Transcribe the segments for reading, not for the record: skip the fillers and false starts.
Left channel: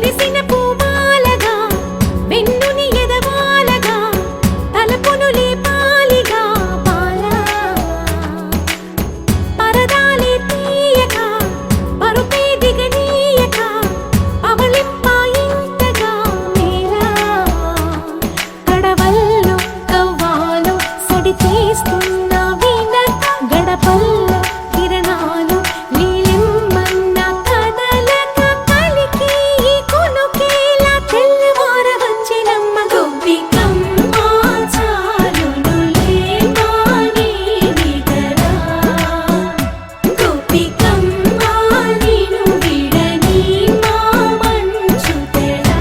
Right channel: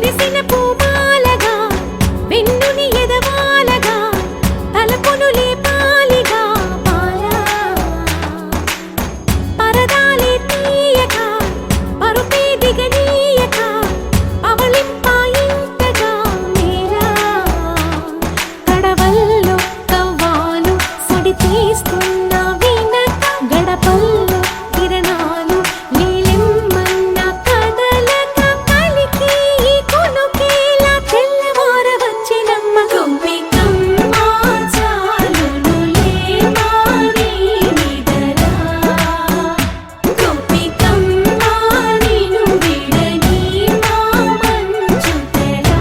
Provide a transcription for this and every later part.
విరిసిన పూమాలగా వెన్నుని ఎదవాలగా తలపును లేపాలిగా బాలా పరదాలే తీయక పరుపే దిగనీయక అవలింపాయింతగా మేలా కడవల్లో కవ్వాలు సడి చేస్తున్న వినత గడపల్లో కిరణాలు లీలిమ్మన్న కదలక కలికి ఈ కొనుకేలా తెల్లవార వచ్చినమ్మ గోపికమ్మ చాలునులే మాని నిదరా గోపికమ్మ నిను విడని మా మంచు తెరా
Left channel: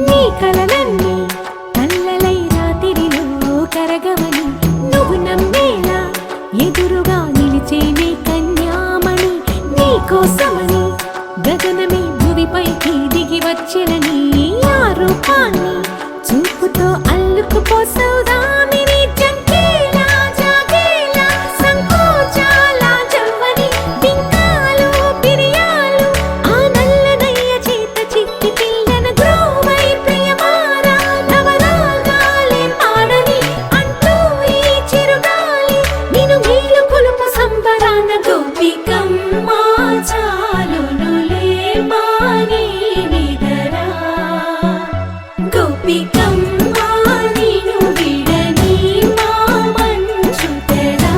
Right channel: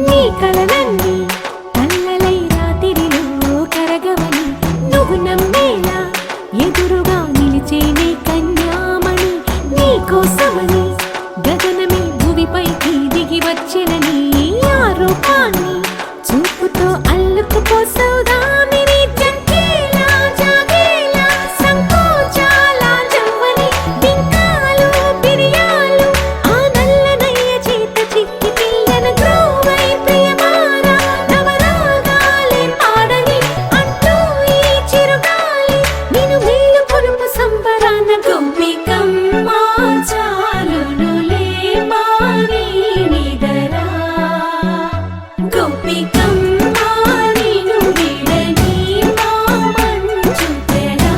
నీ కలలన్నీ కల్లలై రాత్రిలో కరగవని నువ్వు నమ్మేలా ఎదురుగా నిలిచేనే కన్యామణి నీకోసమని గగనమే భువిపైకి దిగి వచ్చినని ఆ రూపాన్ని చూపుతో అల్లుకుపోసౌదామిని జంకేలా జాగేలా సంకోచాల జవ్వని బింకాలు బిరియాలు ఆ నల్లనయ్య చేత చిక్కి పిల్లన గ్రోవై ప్రియమారా నవరాగాలే పాడని అంటూ ఈ చిరుగాలి నిన్ను మేలు కొలుపు సంబరాన గోపికమ్మ చాలునులే మాని నిదరా గోపికమ్మ నిను విడని మా మంచు తెరా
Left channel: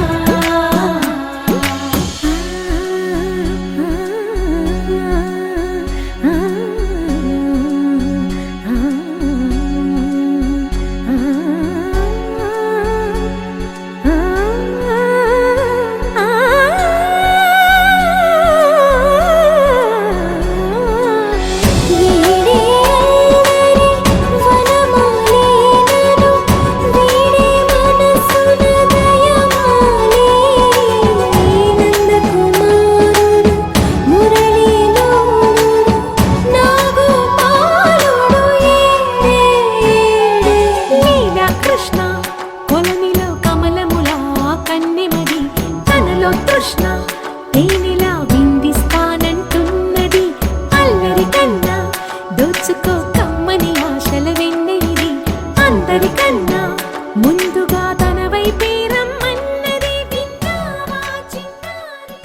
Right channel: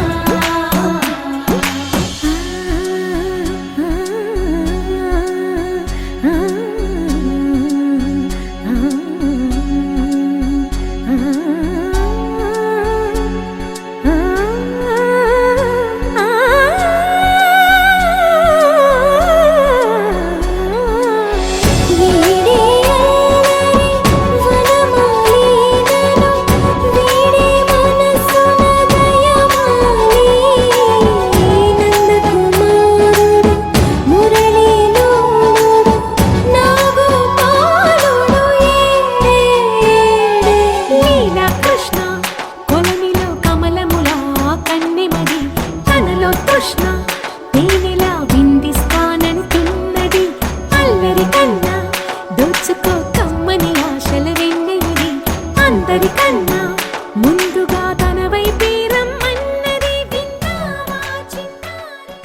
కృష్ణ కొలనిలో కమలములా కన్నెమది తనలో తృష్ణ తేనెలా విందిస్తానంటున్నది అల్లరి కన్నా దోచుకో కమ్మని ఆశల వెన్నెయిది అందరికన్నా ముందుగా తన వైపే రమ్మన్నది విన్నావా చిన్నారి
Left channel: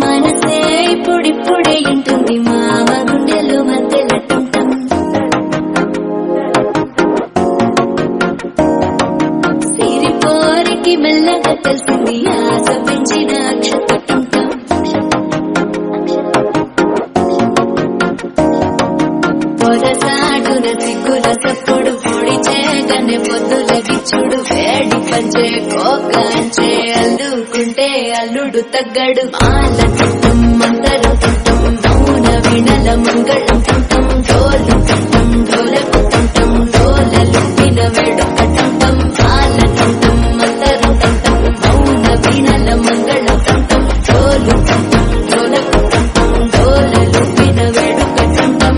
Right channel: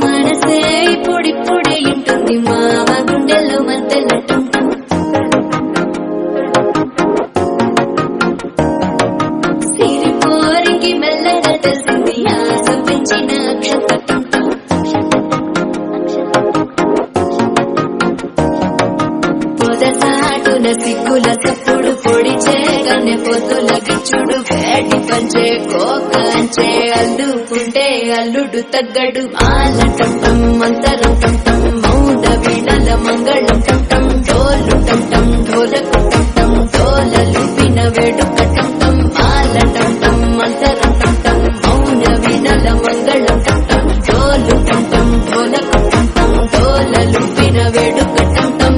మనసే ఇప్పుడిప్పుడే ఉంటుంది మామ గుండెలు మధ్యనటుంటాం సిరిపోరికి మెల్లగా తెలిసింది ఆశ పెంచిన అక్షతటుంటాం పొదసాటున సిగ్గుల సప్పుడు పొడి చేయగానే పొద్దుల గిచ్చుడు వేడి పంచే కోకంచే అల్లుకుంటే అల్లుడు తగ్గడు మాల టంటం మంతర టంటం మౌన వినల మంగళ టంటం డోలు టంటం ఢోలకు టంటం డోలలు విన వేడుక టంటం మాల టంటం మంతర టంటం మౌన వినల మంగళ టంటం డోలు టంటం ఢోలకు టంటం డోలలు విన వేడుక టంటం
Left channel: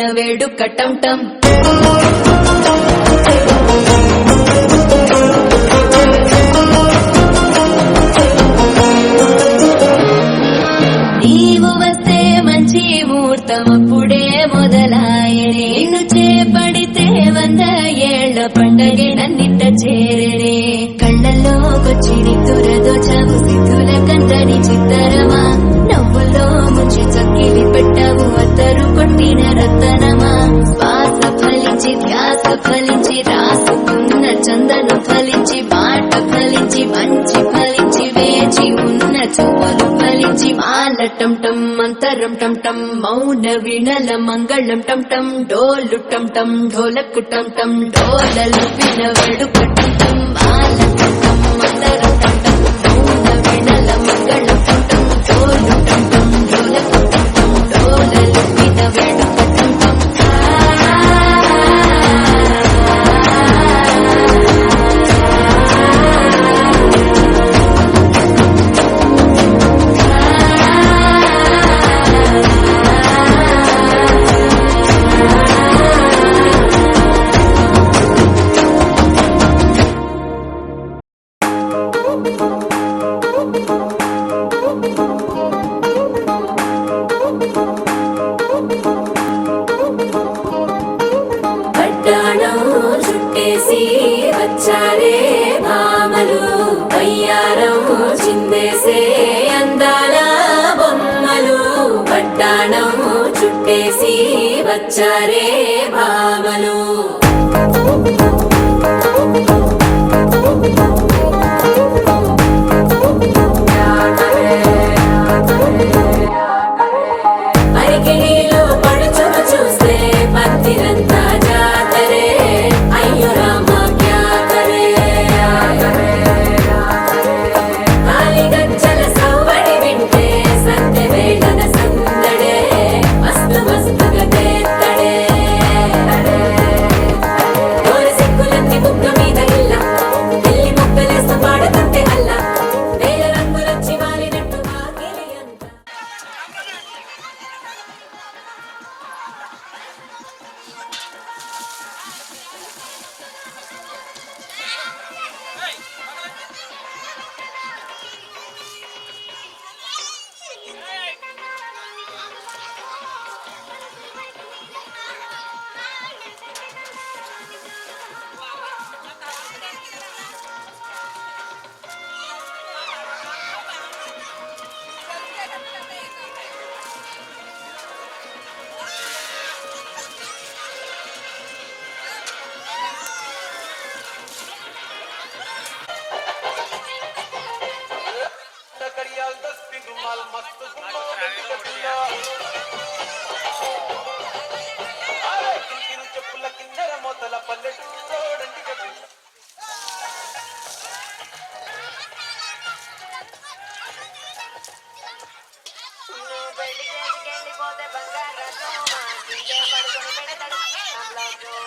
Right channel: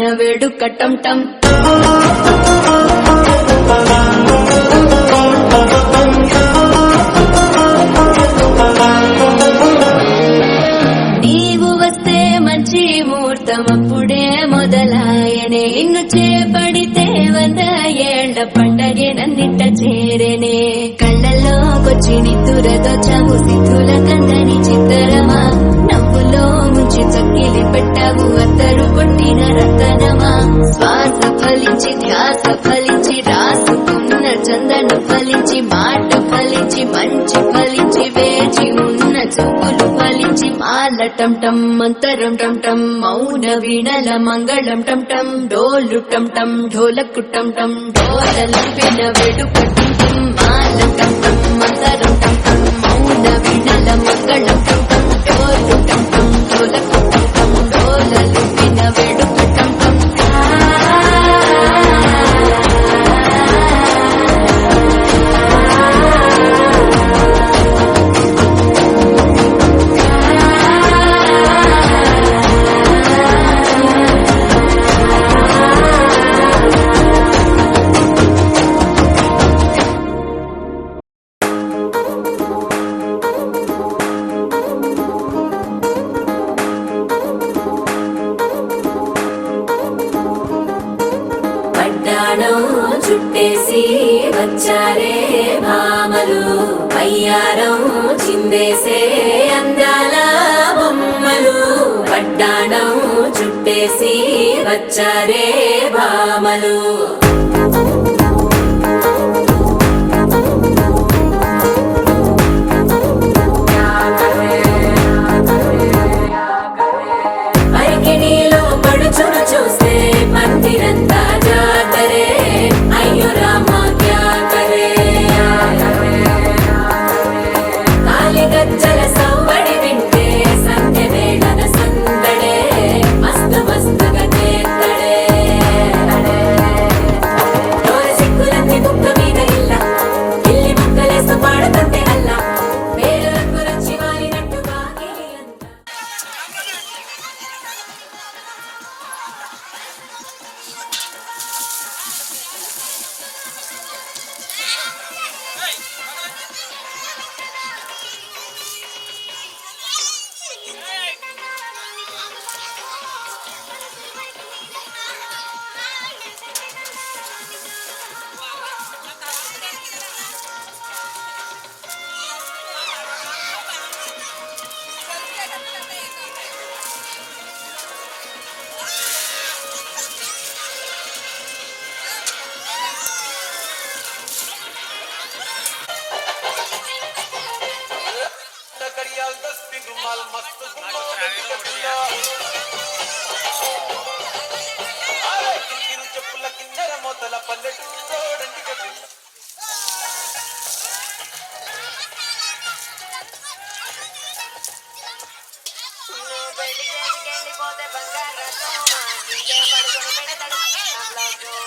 విన వేడుక టం టం నీవు వస్తే మంచి ముహూర్తం అప్పుడే మొదలాయనే నిన్ను చేపడితే 100 ఏళ్ల పండగే నన్నిట్ట చేరనే కళ్ళల్లోకొచ్చి నిద్దురతో చావు సిద్ధుల కందని చిత్తరమా నవ్వులో ముంచి చక్కిలి పెట్టావు అత్తరు కొట్టిన రతనమా శ్వాస ఫలించి ధ్యాస ఫలించి రాసుకున్న చందను ఫలించి మాట ఫలించి మంచి ఫలించి వేచి ఉన్న చూపులు ఫలించి మాల టం టం మంతరం టం టం మౌన వీణల మంగళం టం టం డోలు టం టం ఢోలకు టం టం డోలలు విన వేడుక టం టం మాల టం టం మంతరం టం టం మౌన వీణల మంగళం టం టం డోలు టం టం ఢోలకు టం టం డోలలు విన వేడుక టం టం పట్టాణం చుట్టేసి వచ్చారే భామలు వయ్యారం చిందేసే అందాల బొమ్మలు పట్టాణం చుట్టేసి వచ్చారే భామలు అరికిడిలో పడుచును చూస్తే మందిరంతా జాతరే అయ్యో రామా క్యా కరే కాలిగజ్జల సవ్వడి వింటే సంధ్య వేళన సందడే మస్తు మస్తుగా చేత్తడే డోలు సిక్కులన్నీ కుక్క మీద ఇల్ల గిల్లి ముక్కలేస్తూ పాడుతంటే అల్ల వేల రంగులొచ్చి వాలినట్టుగా గిలియంతా कड़ियाल 10 दिन रुमाल मस्त गुम्मा गट्टिया अरे किनु చెప్పుల కిందర మొదల పల్లెటూరోడంటి గట్టిల బయటికి వెళ్ళిపోతే బంగారం నీకే పడుకొని పెడతాడు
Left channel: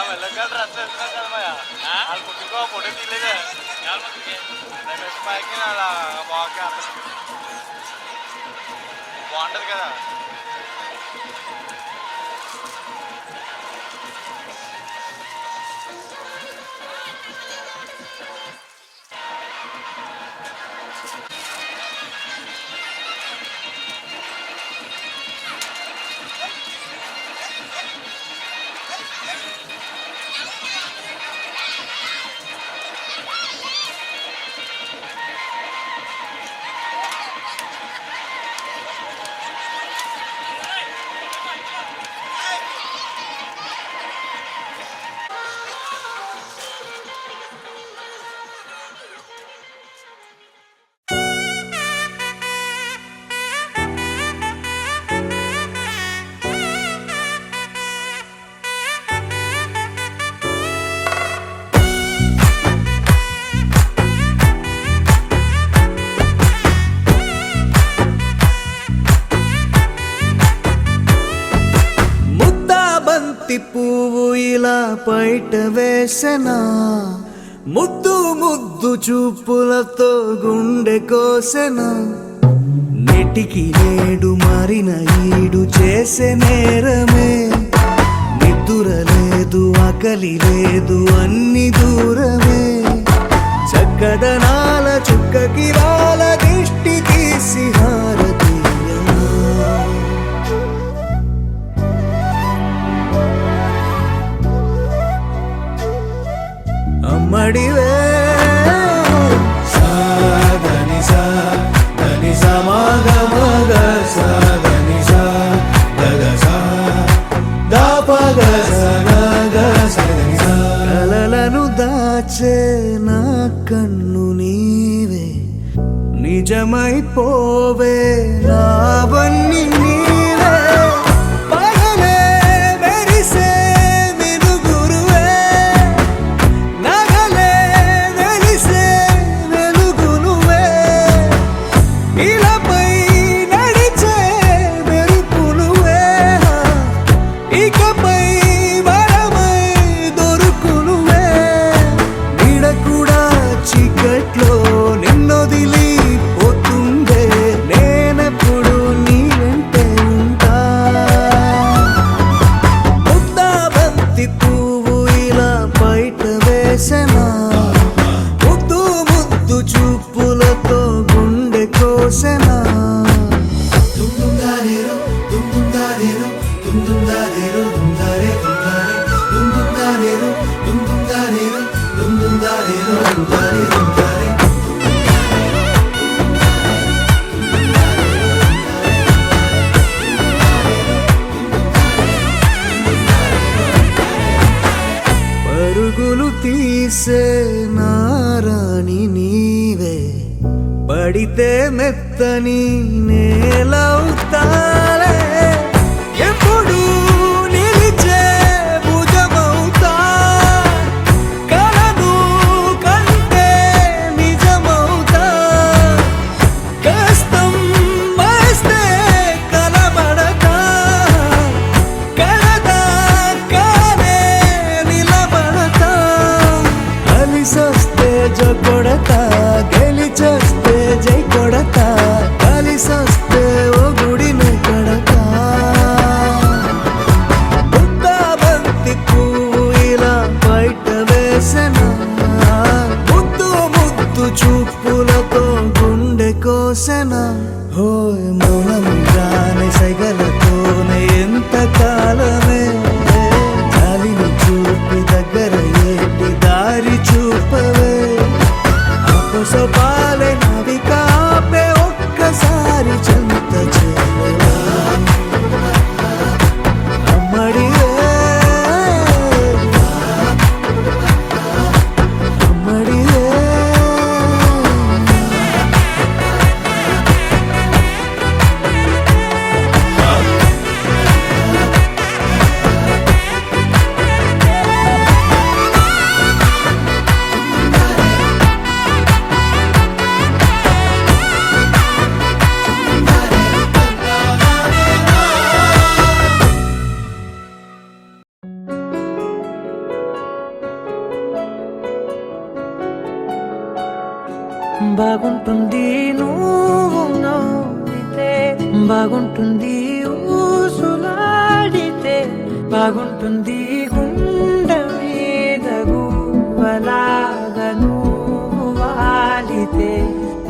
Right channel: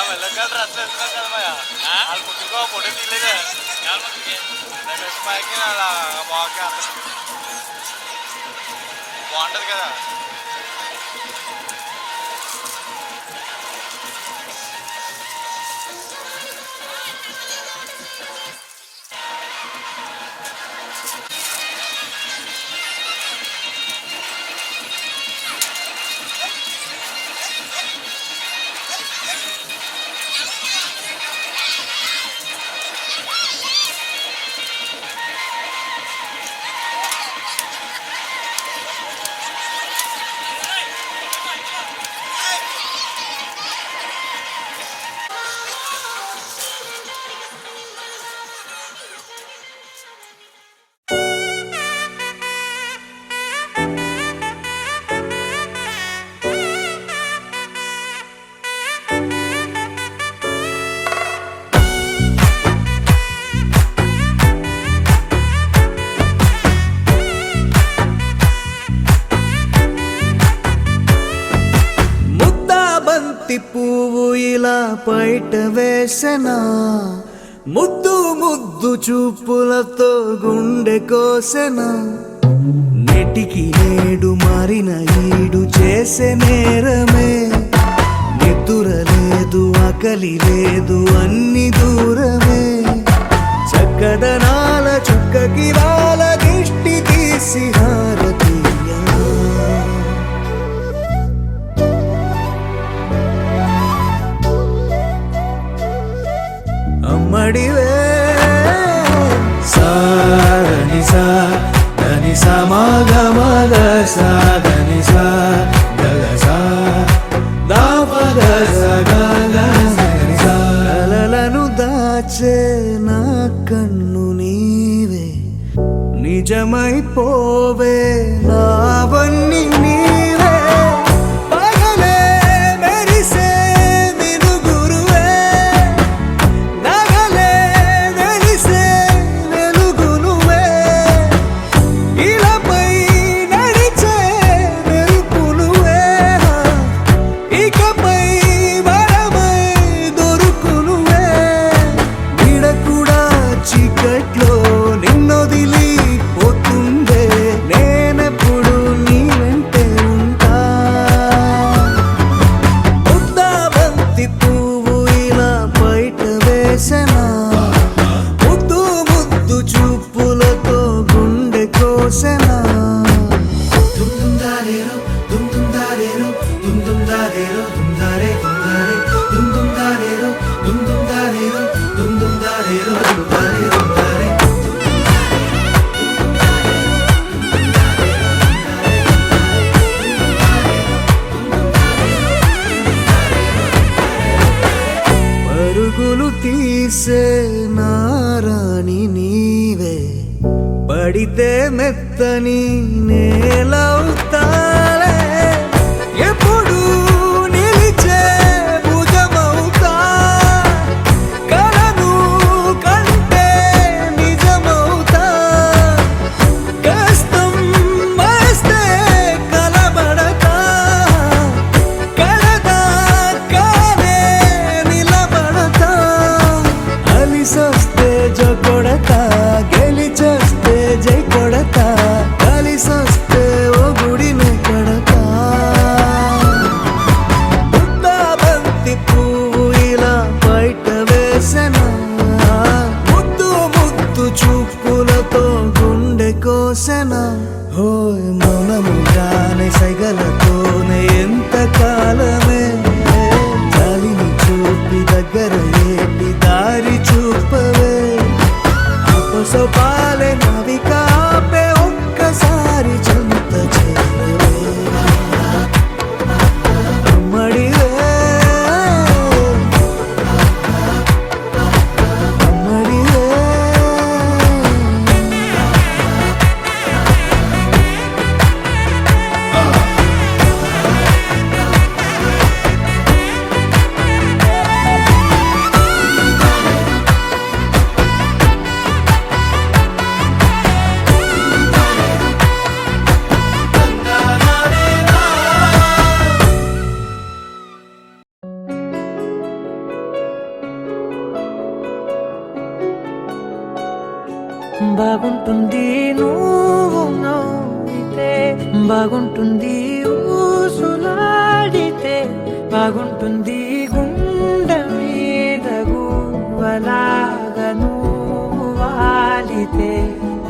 వెళ్ళగలరు అట్లా వెళ్తున్నారు కదా మాయ వాళ్ళు ముందుకు ఫోటో తీయలేదే రమేష్ మాయకి బాగా బాగుంటది కదా. పువ్వు ఇలా బయట వేసెనా ముద్దు ముద్దు చూపులతో గుండె కోసెనా నెటికి నేడు మారిన ఈడు చేసే నేరమే నిద్ర లేదు ఆకలి లేదు అన్ని దూరమే చక్కదనాల చుక్కకి వాళ్ళ దిష్టి తీసి హారతీయనా అమ్మడివే కలలను దాచే నా కన్ను నీవే నిజమైపోవే నావన్నీ నీవే పగలే మెరిసే మినుగురువే నగలే వెలిసే వెలుగునువే ఇలాపై నడిచే మెరుపునువే ఇకపై వరమై దొరుకునువే నీడ కూడా చీకట్లో నిన్నొదిలి పోతుందే నేనెప్పుడు నీ వెంటే ఉంటా ముద్దాబంతి పువ్వు ఇలా బయట వేసెనా ముద్దు ముద్దు చూపులతో గుండె కోసెనా పరుగులు తీసే నారాణి నీవే పడితే మెత్తని నేలవుతాలే ఎప్పుడు నిలిచే భుజమవుతా కలను కంటే నిజమవుతా కష్టం వస్తే కలబడతా కడదాకానే నిలబడతా అలిసొస్తే జో కొడతా గెలిచొస్తే జై కొడతా కలిసొస్తే ఓ గుడిని కడతా ముద్దాబంతి పువ్వు ఇలా బయట వేసెనా ముద్దు ముద్దు చూపులతో గుండె కోసెనా హోయ్ మౌనముగానే సైగలతోనే ఎంత కాలమే జాలిని చూపి దగ్గర ఏటి దారి చూపవే అపసపాలే నావికాపే ఒక్కసారి చెంత చేరవే అమ్మడివే అమ్మడివే బాగుంటుంది నువ్వు నవ్వితే, బాగుంటుంది ఊసులాడితే, బాగుంటుంది గుండె మీద గువ్వలాగా నువ్వు వాలితే,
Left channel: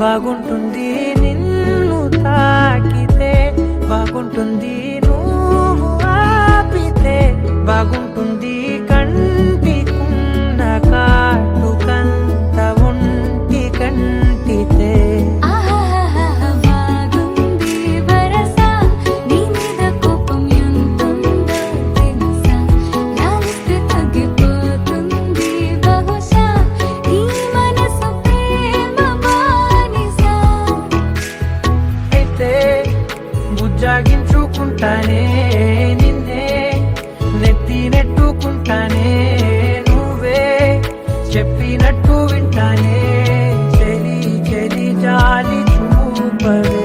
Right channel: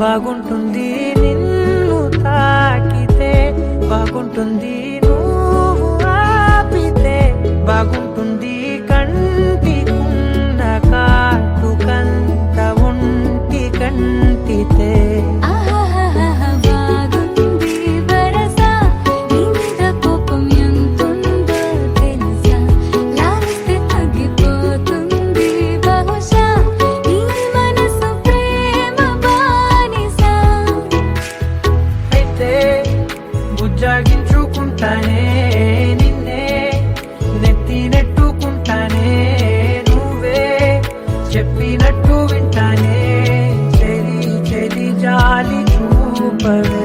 బాగుంటుంది నిన్ను తాకితే, బాగుంటుంది నువ్వు ఆపితే, బాగుంటుంది కంటికున్న కాటుకంత ఒంటి కంటితే. బాగుంది వరస నీ మీద కోపం ఎంతుందో తెలుసా, లాలిస్తే తగ్గిపోతుంది బహుశా నీ మనసు ప్రేమ బానిస. అయితే బుజ్జాగించుకుంటానే నిన్నే, నెత్తి నెట్టుకుంటానే, నువ్వే చెప్పినట్టు వింటానే, చెలి చెలి జాలి చూపవే.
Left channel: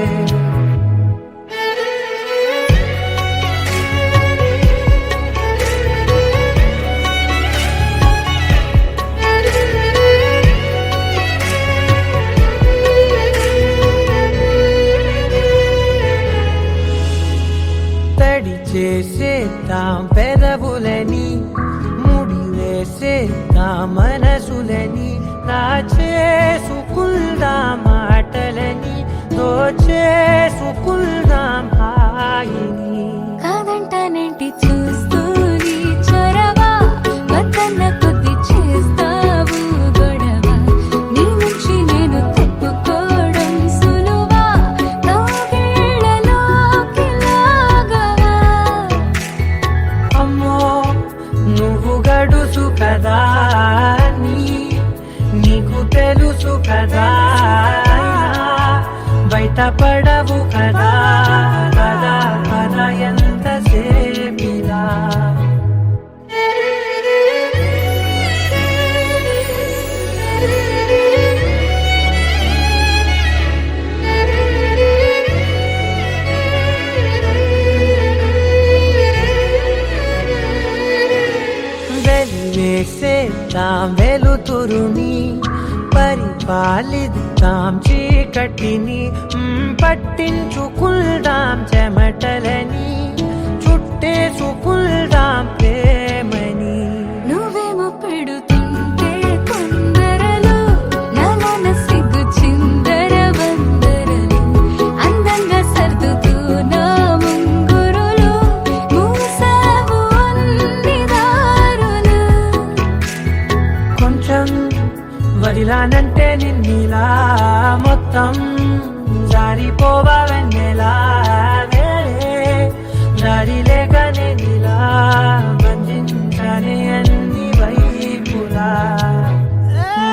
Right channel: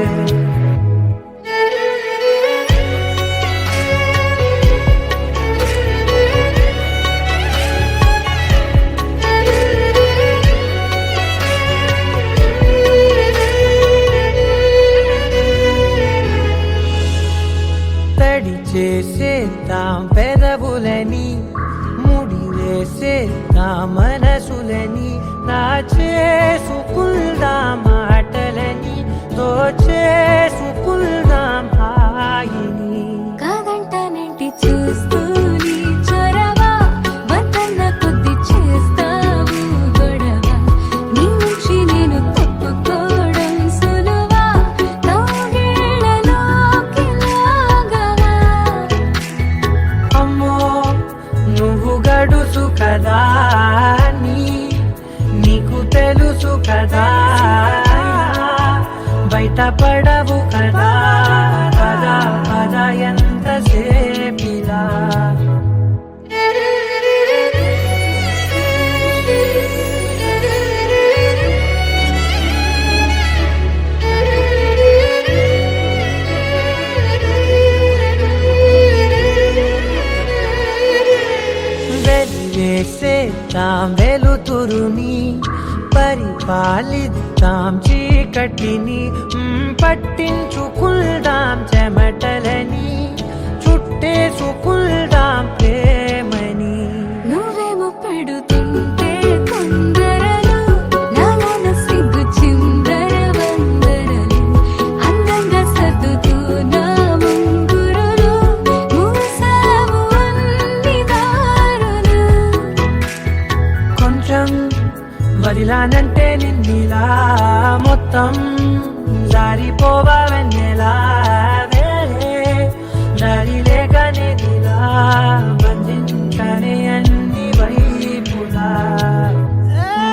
తడి చేసేద్దాం పెదవులని, ముడి వేసేద్దాం మనసులని, నా చేసుకుందాం మాటలని, దోచేసుకుందాం హాయిని. కాదంటానేంటి చూస్తూ నీ చొరవ, వద్దన్న కొద్ది చేస్తావు గొడవ, నీ నుంచి నేను తప్పుకోవడం సులువా, కౌగిళ్ళలోకి లాగవా. అమ్మో నువ్వు గడుసు కదా, నీకు తెలుసు కదా, బయట పడవు కదా, పద పద ఎంత సేపిలా. వెలివేసేద్దాం వెలుతురుని, పరిపాలిద్దాం చీకటిని, పట్టించుకుందాం చెమటలని, చుట్టేసుకుందాం ప్రేమని. నువ్వేమో పెడుతుంటే కొందరలు, నాలోన సిగ్గు చిందర వందరలు, అందంగా సర్దుతూ నా ముంగురులు, మూసావు అన్ని దారులు. కొంచెం వదిలానంటే నిన్నిలా, మొత్తం జారిపోవా వెన్నెలా, దారి లేక నేనిలా బంధించనే అన్ని వైపులా.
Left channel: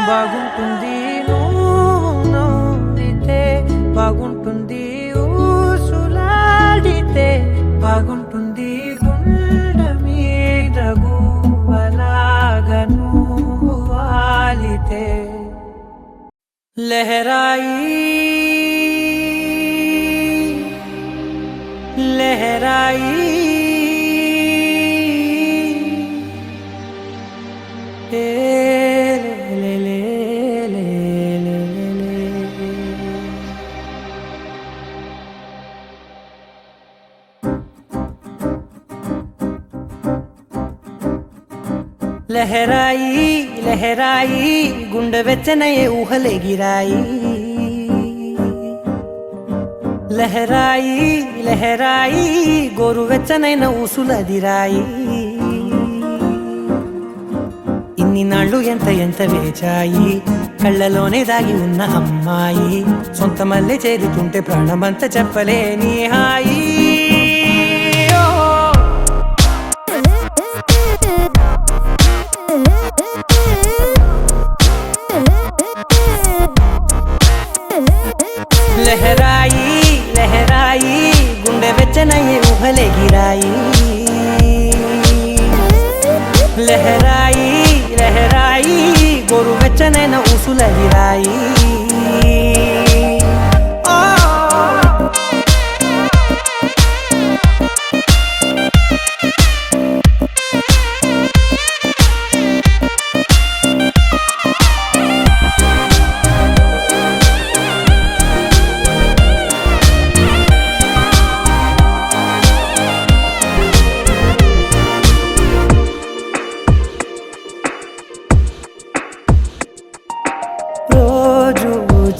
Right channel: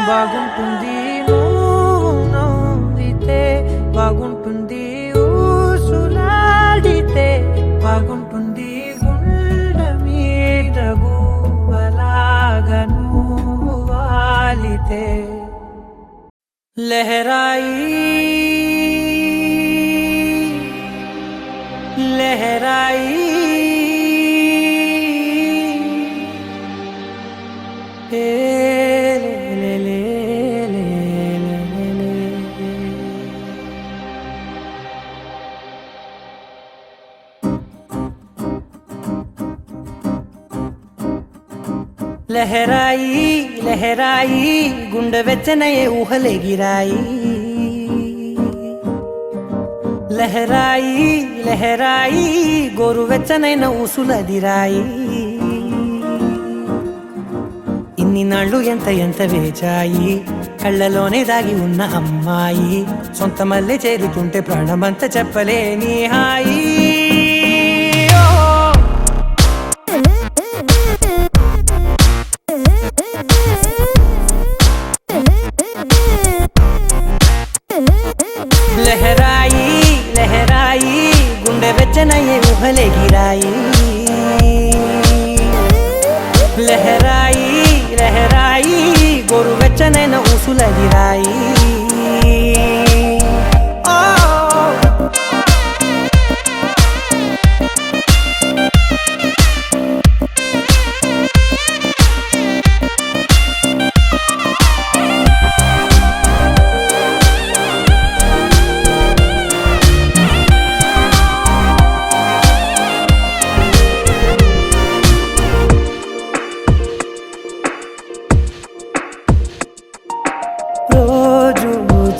బాగుంటుంది నువ్వు నవ్వితే, బాగుంటుంది ఊసులాడితే, బాగుంటుంది గుండె మీద గువ్వలాగా నువ్వు వాలితే. లహరాయి లహరాయి ఏ లే లే లే లే లే. లహరాయి లహరాయి గుండె వెచ్చనయే ఊహలే గిరాయి. లహరాయి లహరాయి గోరు వెచ్చనైన ఊసులదిరాయి. ఇన్ని నాళ్ళు ఎంత ఎంత వేచాయి, కళ్ళలోనే దాగి ఉన్న అమ్మాయి, సొంత మల్లె చేరుతుంటే ప్రాణమంత చెప్పలేని హాయి. లహరాయి లహరాయి గుండె వెచ్చనయ్యే ఊహలే గిరాయి. లహరాయి లహరాయి గోరు వెచ్చనైన ఊసులదిరాయి.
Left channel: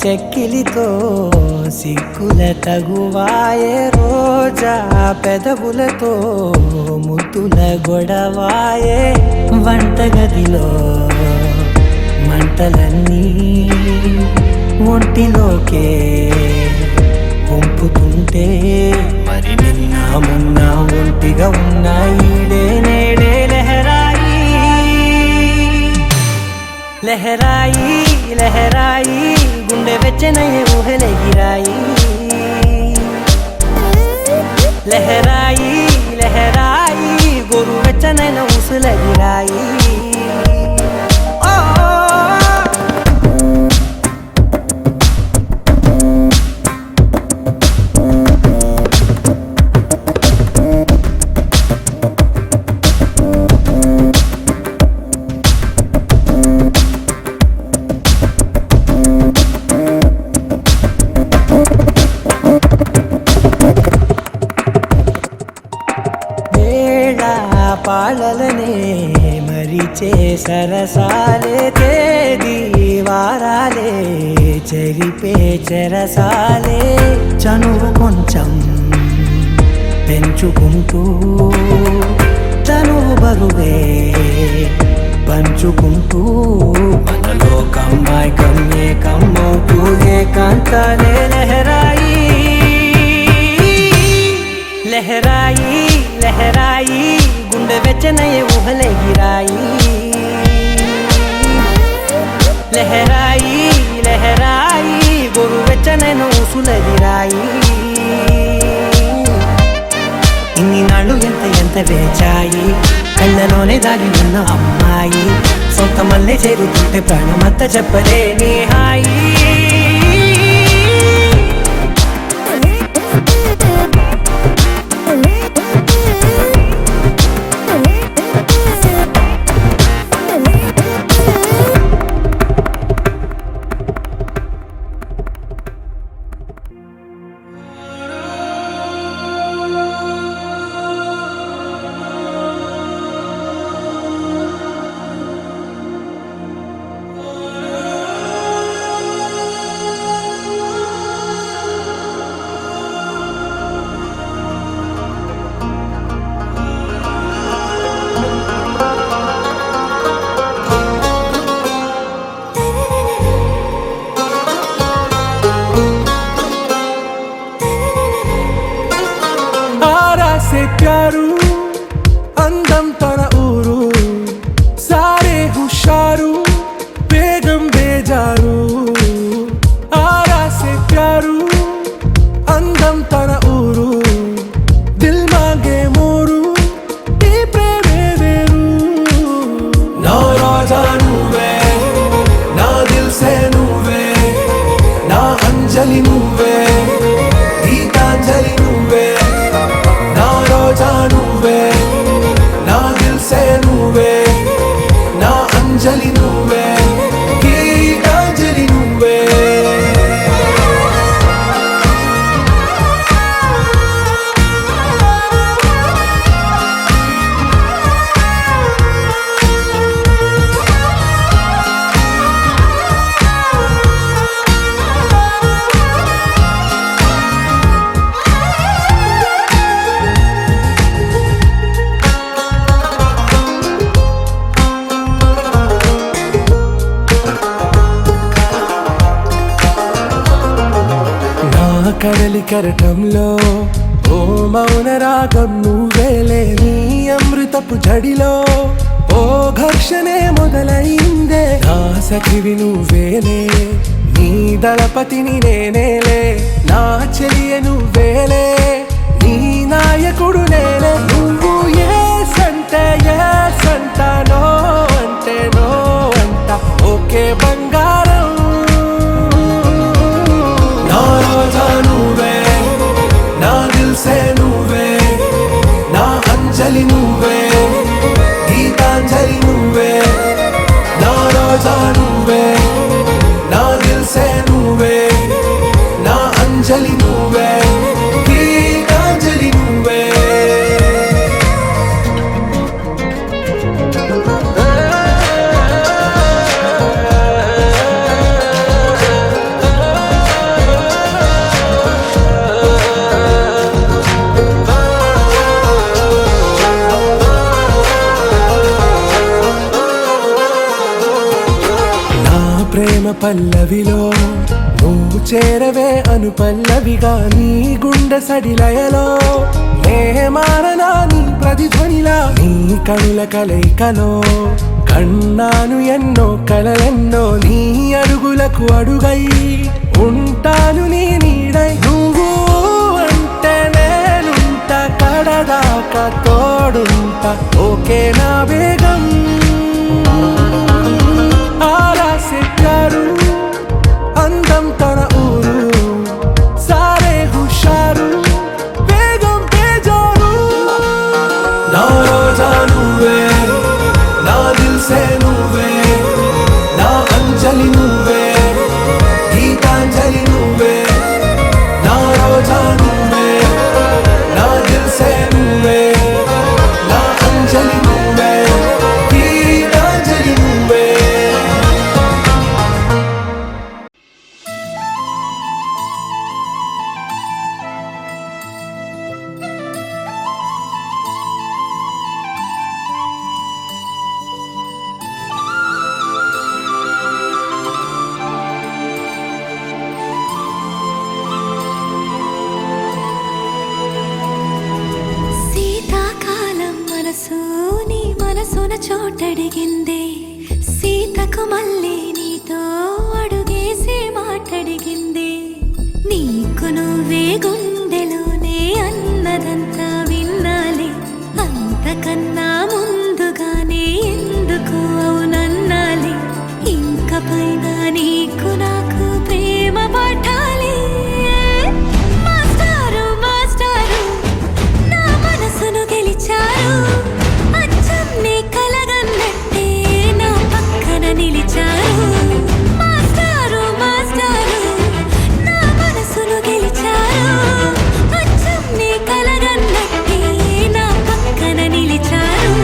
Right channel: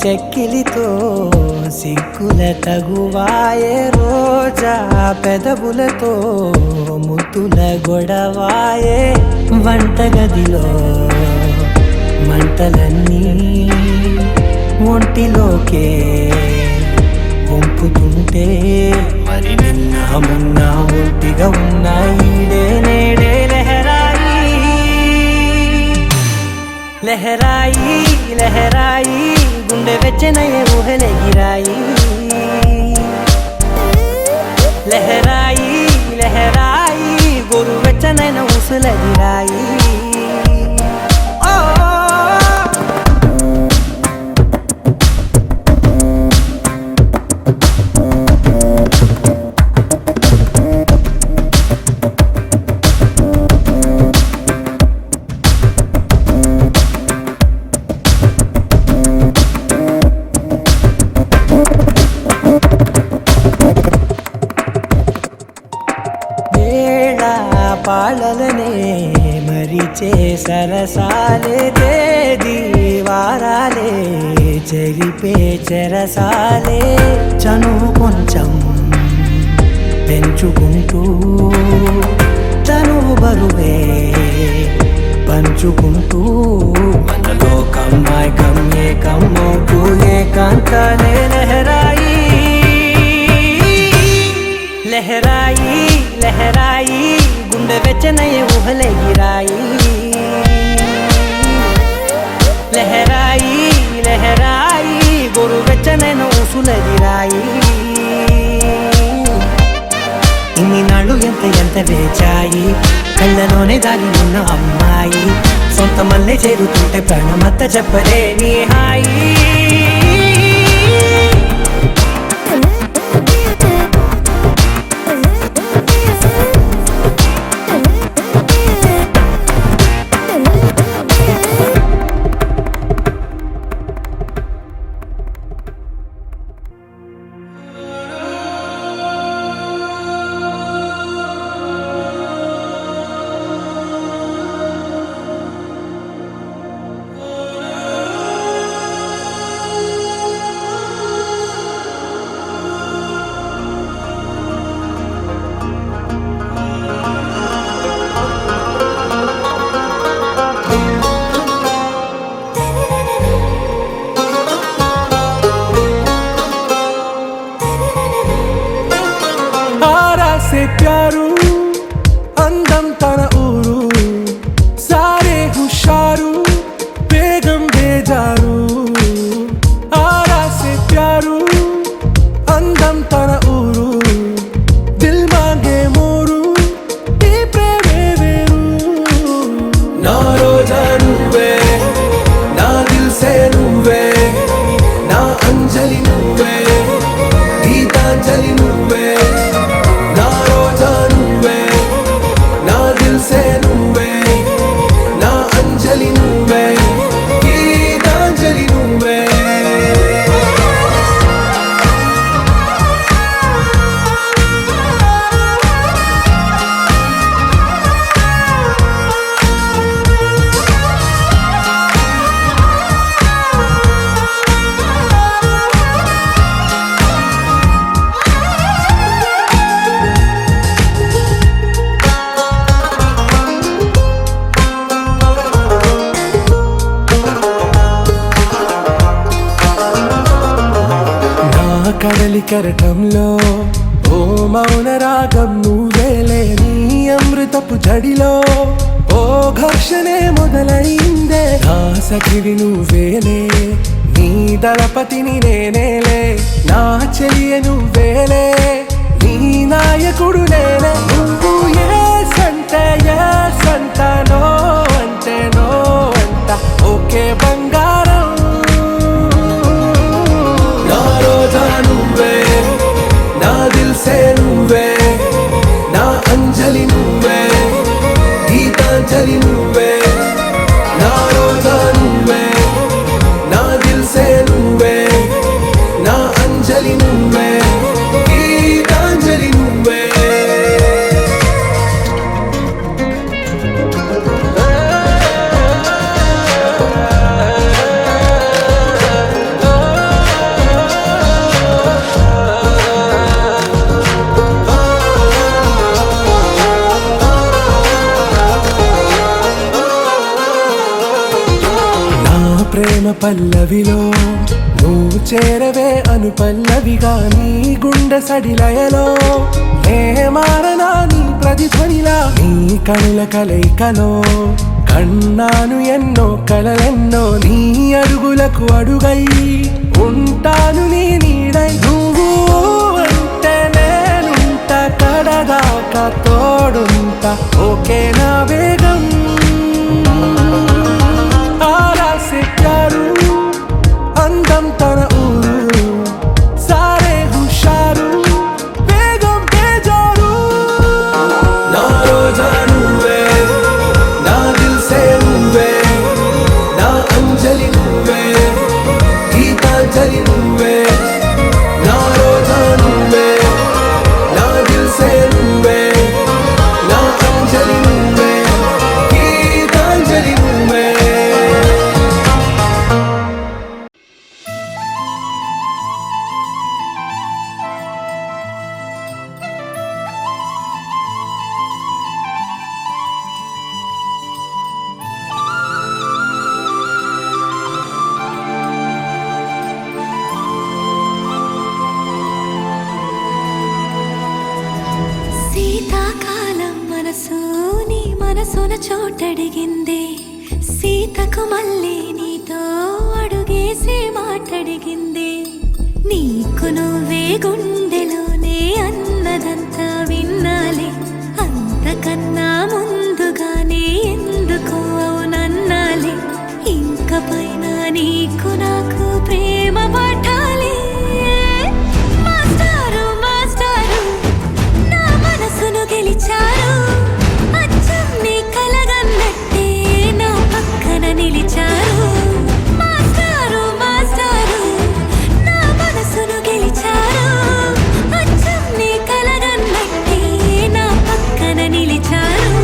చెక్కిలితో సిగ్గుల తగువాయే రోజా పెదవులతో ముద్దుల గొడవాయే వంటగదిలో మంటలన్నీ ఒంటిలోకే వంపుతుంటే మరి నిన్న మొన్న ఒంటిగా ఉన్న ఈడే నేడే లహరాయి లహరాయి లహరాయి గుండె వెచ్చనయే ఊహలెగిరాయి లహరాయి లహరాయి గోరు వెచ్చనైన ఊసులెగిరాయి పాలలనే మరిచే సరసాలే తేదీ వారాలే చెరిపే చెరసాలే చనువు కొంచెం పెంచుకుంటూ చనువు బరువే పంచుకుంటూ మనలో కమ్మాయి కమ్మే కమ్మవుతూ ఏకాంతాలే లహరాయి లహరాయి లహరాయి గుండె వెచ్చనయే ఊహలెగిరాయి లహరాయి లహరాయి గోరు వెచ్చనైన ఊసులెగిరాయి ఇన్ని నాళ్ళు ఎంత వేచాయి కళ్ళలోనే దాగి ఉన్న అమ్మాయి సొంత మల్లె చేరుతుంటే ప్రాణమంతా చెప్పలేని హాయి से प्यारू అందం తన ఊరు సారే హుషారు బేగం బేజారు ఆరా సే ప్యారు అందం తన ఊరు దిల్ మాంగే మోరు ఈ ప్రేమే వేరు నా రోజా నువ్వే నా దిల్ సే నువ్వే నా అంజలి నువ్వే గీతాంజలి నువ్వే నా రోజా నువ్వే నా దిల్ సే నువ్వే నా అంజలి నువ్వే గీతాంజలి నువ్వే కడలి కరటంలో ఓ మౌన రాగం నువ్వేలే నీ అమృతపు జడిలో ఓ ఘర్షణే మొదలైందే నా సఖివి నువ్వేలే నీ దళపతిని నేనేలే నా చెలియ నువ్వేలే నీ నాయకుడు నేనే నువ్వు ఏ సంట నో అంటే నో అంట ఓకే బంగారం నా రోజా నువ్వే నా దిల్ సే నువ్వే నా అంజలి నువ్వే గీతాంజలి నువ్వే నా రోజా నువ్వే నా దిల్ సే నువ్వే నా అంజలి నువ్వే గీతాంజలి నువ్వే పల్లవిలో నువ్వు చేరవే అను పల్లవిగా నీ గుండె సడిలయలో నే మారనా నీ ప్రతిధ్వనిలా నీ కనుల కలయికలో కన్నాను ఎన్నో కలలెన్నో నీ అడుగులకు అడుగై ఉంటాను నీ నీడై నువ్వు అంటే నేనుంట కడదాకా తోడుంటా ఓకే నా బేగం ఆరాసే ప్యారు అందం తన ఊరు సారే హుషారు బేగం బేజారు నా రోజా నువ్వే నా దిల్సే నువ్వే నా అంజలి నువ్వే గీతాంజలి నువ్వే నా రోజా నువ్వే నా దిల్సే నువ్వే నా అంజలి నువ్వే గీతాంజలి నువ్వే శీతాకాలం మనసు నీ మనసున చోటడిగిందే సీతకు మళ్ళీ నీతో అడుగేసి మాటడిగిందే నీకు నువ్వే గుండెలోనే అన్నదంతా విన్నాలే అంతకన్నా ముందుగానే ఎందుకు అవునన్నాలే ఇంక పైన నీకు నాకు ప్రేమ పాఠాలే మాస్టారు మాస్టారు నా మనసును గెలిచారు అచ్చం నీ కలగన్నట్టే నా పక్కన నిలిచారు మాస్టారు మాస్టారు నా మనసును గెలిచారు అచ్చం నీ కలగన్నట్టే నా పక్కన నిలిచారు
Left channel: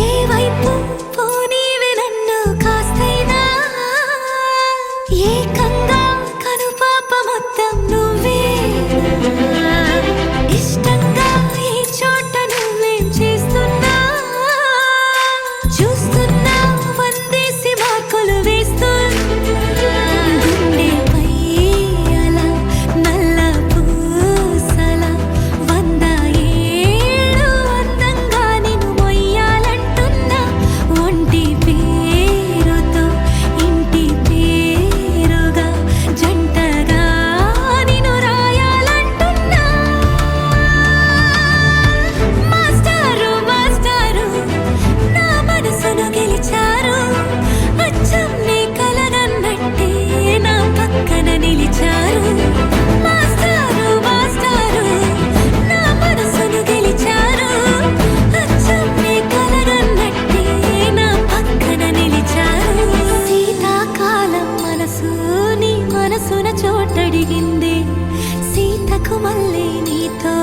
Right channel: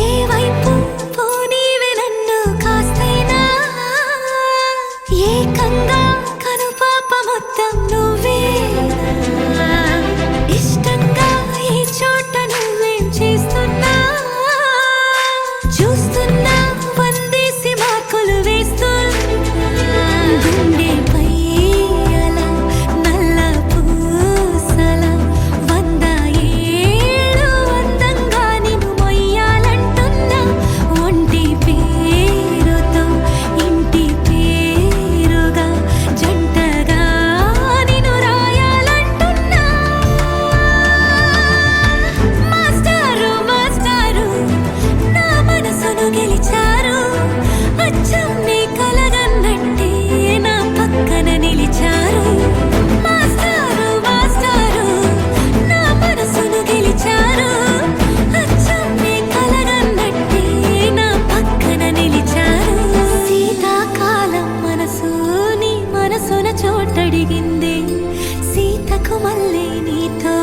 ఏ వైపు పోనీవే నన్ను కాస్తైనా ఏకంగా కనుపాప మొత్తం నువ్వేనా ఇష్టంగా ఈ చోట నువ్వేం చేస్తున్నా చూస్తున్నా వందేసి మార్కులు వేస్తున్నా గుండెపై అలా నల్ల పూసల 100 ఏళ్ళు అందంగా నిన్ను మొయ్యాలంటున్నా ఒంటి పేరుతో ఇంటి పేరుగా జంటగా నిన్ను రాయాలంటున్నా మాస్టారు మాస్టారు నా మనసును గెలిచారు అచ్చం నీ కలగన్నట్టే నా పక్కన నిలిచారు మాస్టారు మాస్టారు నా మనసును గెలిచారు అచ్చం నీ కలగన్నట్టే నా పక్కన నిలిచారు శీతాకాలం మనసు నీ మనసున చోటడిగింది సీతకు మళ్ళీ నీతో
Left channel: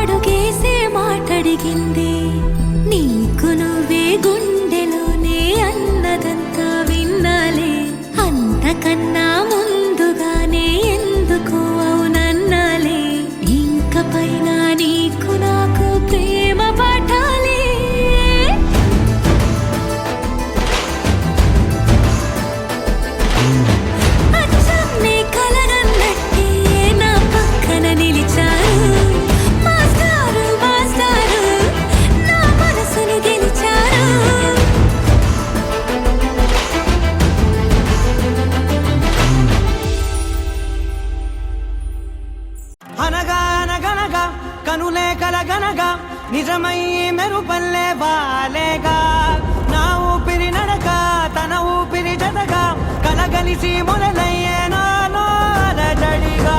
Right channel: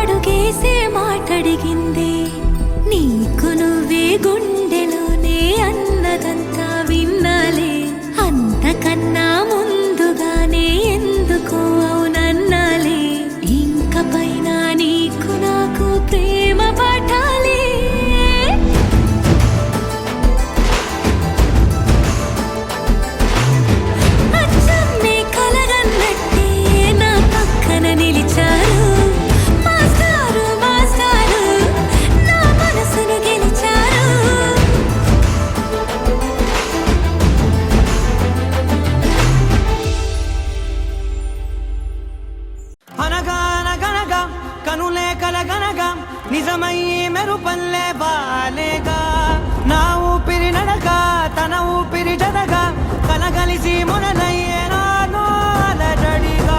అడుగేసే మాటడిగింది నీకు నువ్వే గుండెలోనే అన్నదంతా విన్నాలే అంతకన్నా ముందుగానే ఎందుకు అవునన్నాలే ఇంక పైన నీకు నాకు ప్రేమ పాఠాలే అచ్చం నీ కలగన్నట్టే నా పక్కన నిలిచారు మాస్టారు మాస్టారు నా మనసును గెలిచారు అనగా అనగనగా కనులే కలగనగా నిజమై మెరుపల్లే వాలేగా నా ఊపిరి నడక తన ఊపిరి జతగా కలగలిసి మొదలయ్యేనో అలజడిగా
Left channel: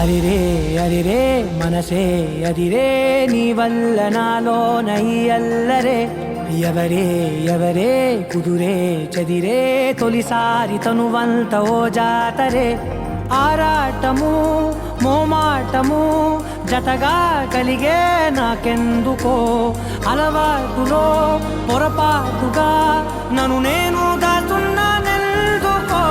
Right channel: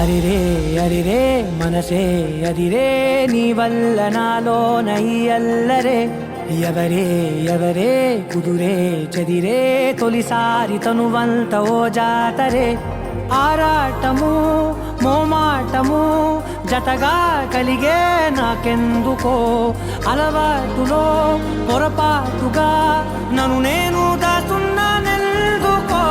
అరిరే అరిరే మనసే అరిరే నీ వల్ల నాలోన ఈ అల్లరే ఎవరే ఎవరే కుదురే చదిరే తొలిసారి తనువంత ఓ జాతరే ఆరాటము మోమాటము జతగా కలిగే నాకెందుకో అలవాటులో పొరపాటుగా నన్ను నేను దాస్తున్నానెందుకో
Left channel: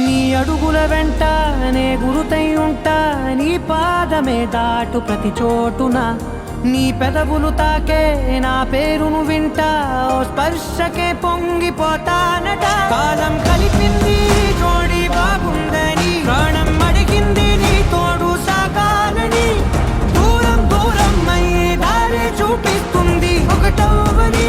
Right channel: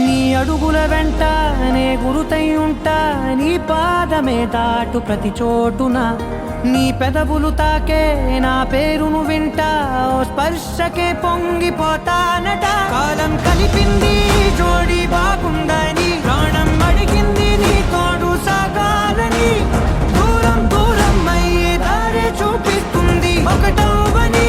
నీ అడుగుల వెంట నే గురుతై ఉంటా నీ పాదమే దాటు ప్రతి చోటున నీ పెదవులు తాకే నా పేరును వింటా ఓ స్పర్శకే పొంగిపోతానట కాలం కలిపింది జోడి బాగుండని ప్రాణం అడిగింది నీ తోడు సాగాలని దూరం దూరం అయ్యే దారి చూపిస్తుంది ఒకటవని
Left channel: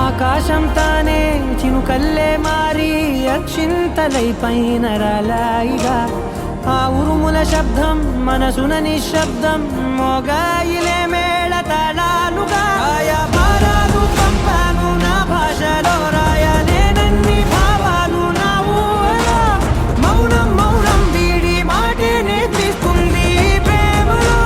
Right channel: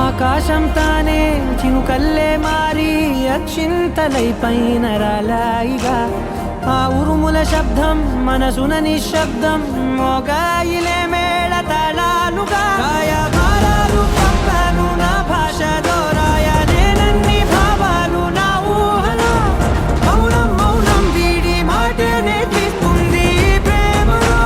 ఆకాశం తానే చినుకల్లే మారి అక్షింతలై పైన రాలాయిగా ఆ ఉరుముల శబ్దం మనసున నిశ్శబ్దం మోగాయిలే మేళ తాళాలుగా నా భాషలో రాయలేనన్ని భావాలు నా ఊహలో మౌనం మౌనం వీడి మాటే నేర్పిస్తుంది ప్రేమలో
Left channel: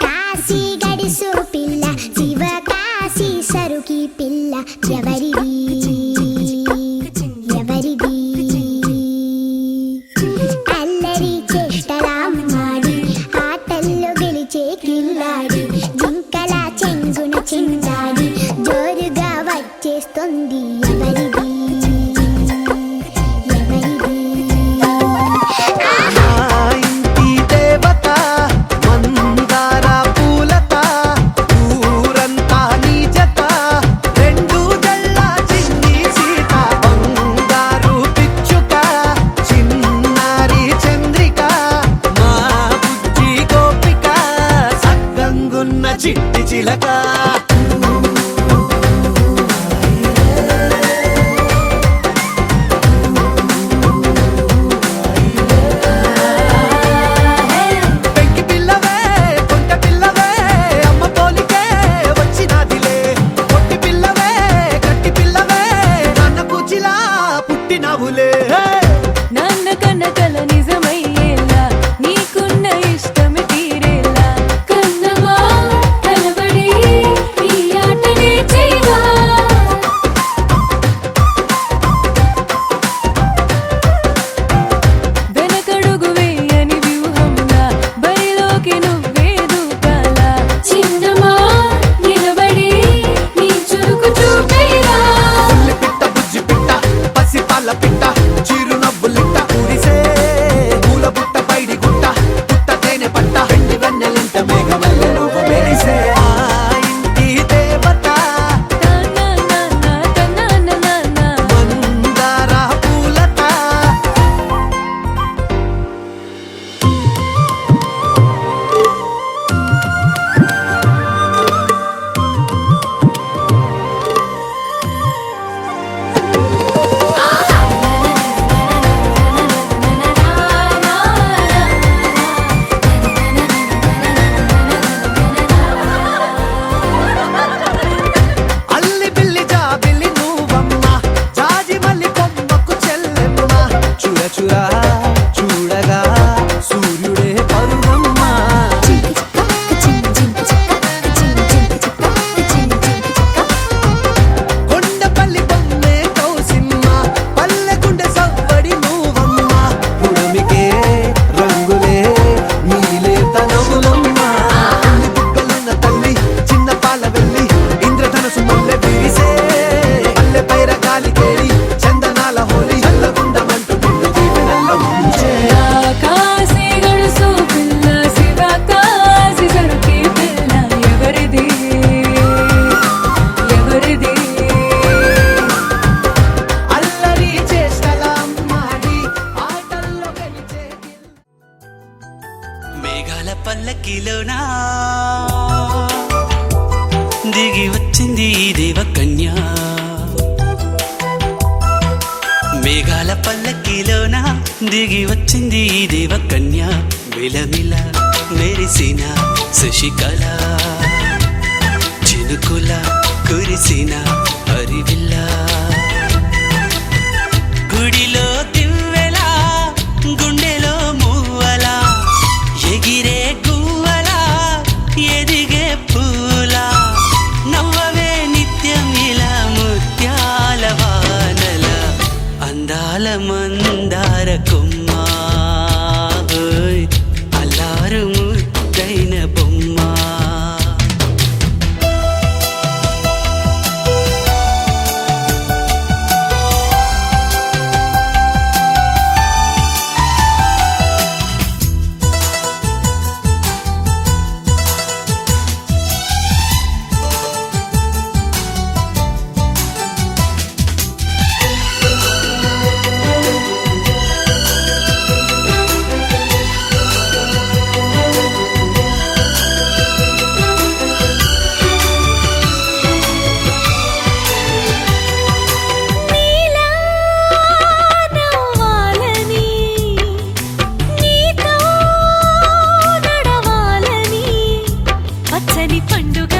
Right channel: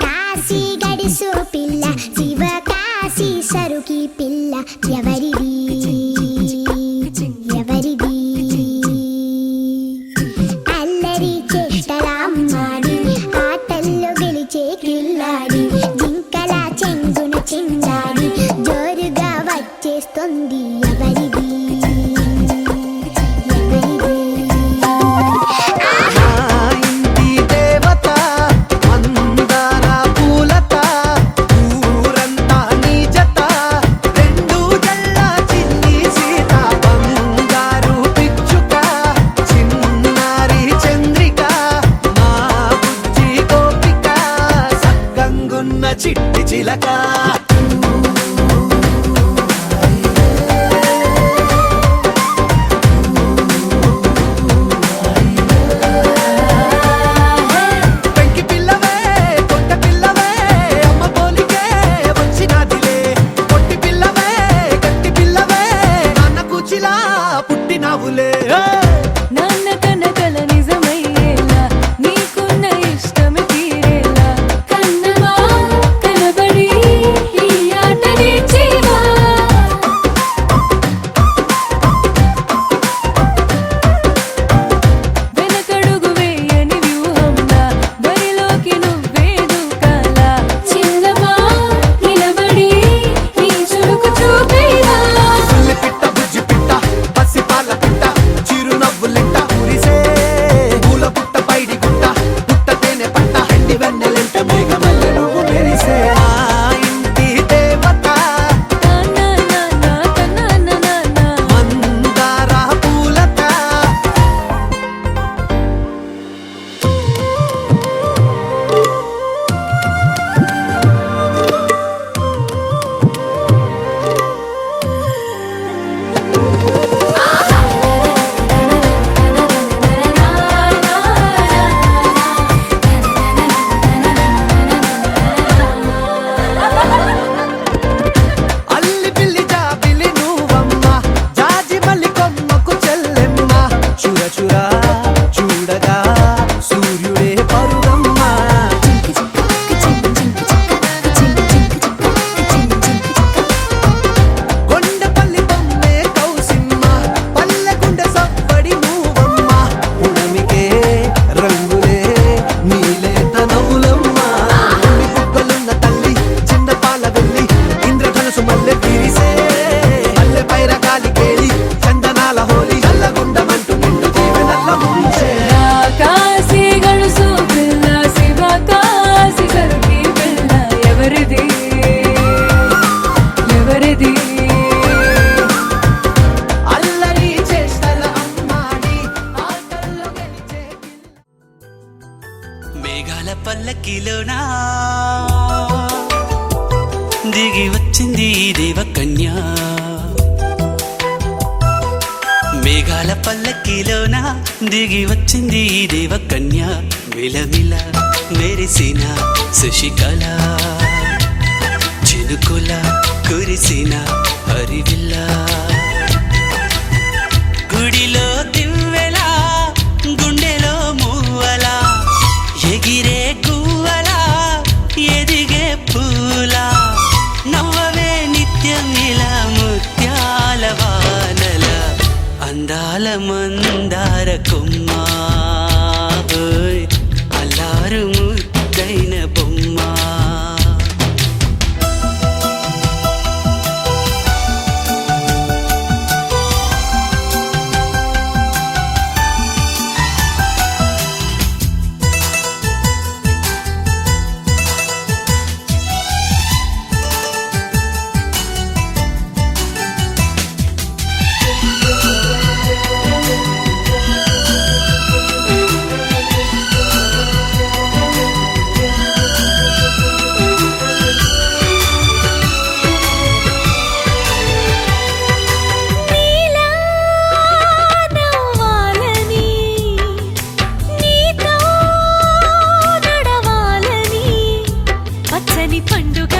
కాశీ గడిసు పిల్ల శివ కాశీ సరుకి పిల్ల ఎవరిది ఎవరిది అల్లరి చేష్టలామ్మాడి ఆటల్లో గెలిచే కిల్లాడి జింకల చెంగున చిందాడి జోరుగా వచ్చేస్తుంది ఎవరిది మేఘాల పల్లకిలోనా దిగి వచ్చింది ఈ దేవకన్య మేఘాల పల్లకిలోన దిగి వచ్చింది ఈ దేవకన్య మిలమిల మెరిసిన శశికళ చినుకుల కురిసిన హరివిల్ల గుడిలో దివ్వెలా గుండెలో మూవలా ఎగిరే గువ్వలా ఎదిగే పూలా నవ్వవే నిత్యం ఇలా ముత్యాల వానల అందాల మందార కొమ్మ ఓయ్ అల్లారు ముద్దైన బొమ్మ నీలా నవ్వాలని నీతో నడవాలని పచ్చని పండుగ